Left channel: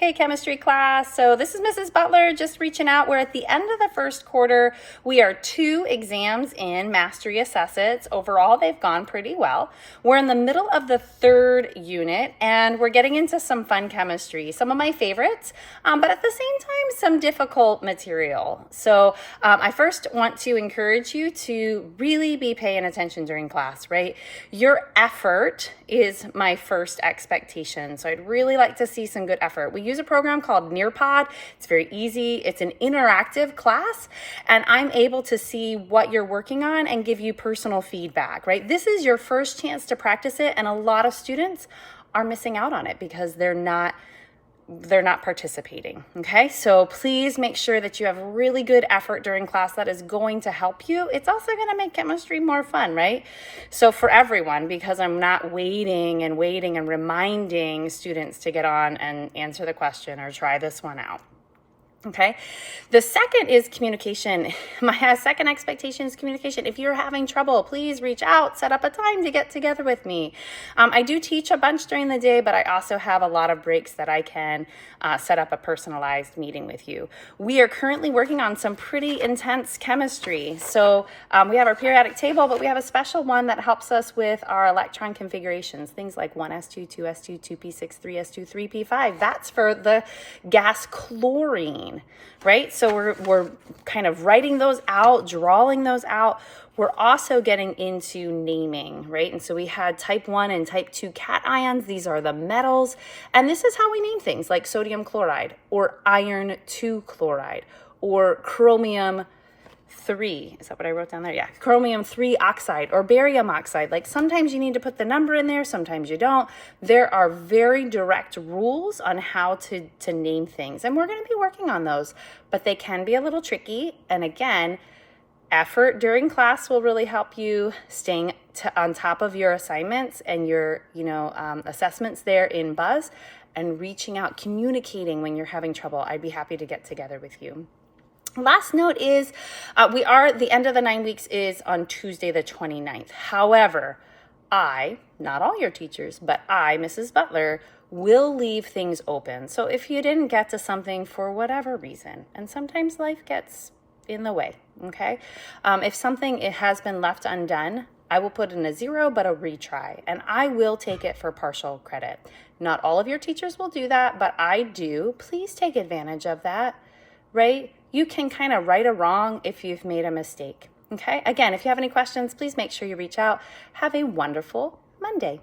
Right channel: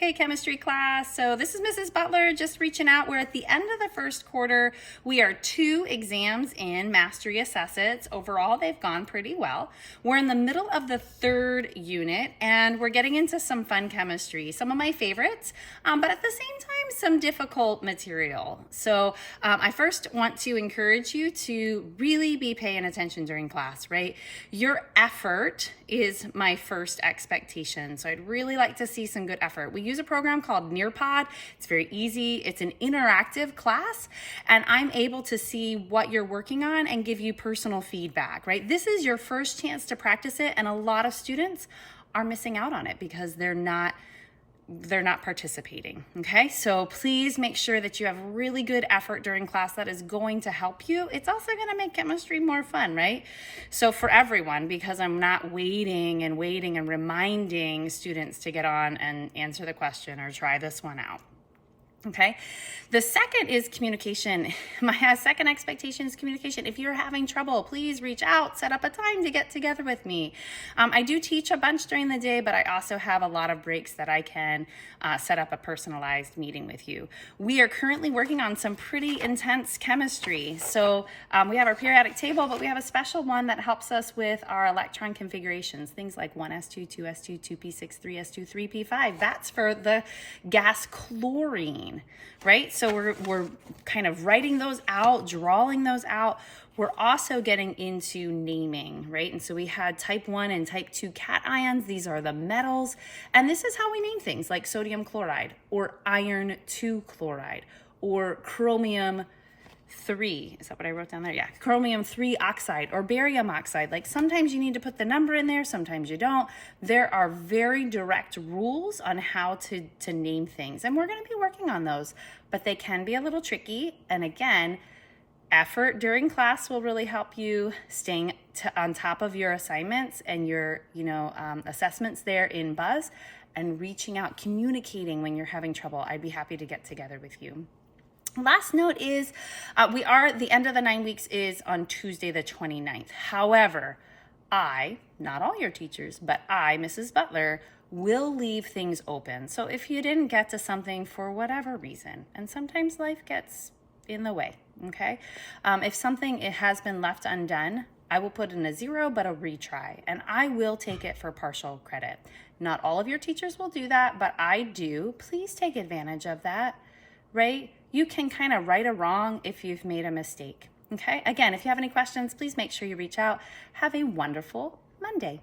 Hey, chemistry class. So this is Mrs. Butler just reaching out. We're at the end of the first quarter. We are 2 exams in Mastery Assess-Its. Overall, they've gone pretty well. We're in the middle of the 3rd unit, and we're getting into some fun chemistry, some of my favorites, but at the same time, some difficult material. So I first want to encourage you to really be paying attention during class, right? Your effort is my first expectation. So I'd really like to see some good effort. We use a program called Nearpod. It's very easy. It's an interactive class, and I'm able to see what you're working on and give you personal feedback, right? This is your first chance to practice it, and a lot of students are missing out on it because they're not participating, okay? So please make sure that you have really good effort during class. That is going to help you. It's also gonna make chemistry more fun, right? So for everyone, because I'm not waiting and reminding students to get on and answer the question or try this one out. Okay. The second is communication. My second expectation is communication. If you're having trouble, please reach out, set up a time to get together with me. I do teach a bunch during the day, but I also have a lot of breaks that I can set up a personalized meeting with you. We are currently working on some pretty intense chemistry. So we have our periodic table, but we have a special one that helps us with our electron configurations, things like 1s2, 2s2, 2p6, 3s2, 3p5. That's for the gas chlorine, right? So we're kind of writing those out, drawing those out. We're also getting into naming, right? And so we had type 1 and type 2 cations. These are the metals. And this is how we name things like sodium chloride or iron 2 chloride or chromium 3. Is that what I wrote down there? Yeah. Chromium 3 oxide or barium oxide. Like sometimes you need to put the number in there, sometimes you don't. There are very direct rules on how to name things. And we're going to be working on those, but they can be a little tricky. And again, effort during class will really help you staying on top of your assignments and your, assessments there in Buzz, and reaching out, communicating when you're having trouble. I'd be happy to get together with you. Last note is the end of the 9 weeks is on Tuesday the 29th. However, not all your teachers, but I, Mrs. Butler, will leave things open. So if you didn't get to something for whatever reason, and sometimes life gets in the way, okay? If something it has been left undone, I will put in a 0, but a retry, and I will take it for partial credit. Not all of your teachers will do that, but I do. Please take advantage of that, right? You can kind of right a wrong if you've made a mistake, okay? Again, if you have any questions, please make sure you reach out. Have a wonderful Monday.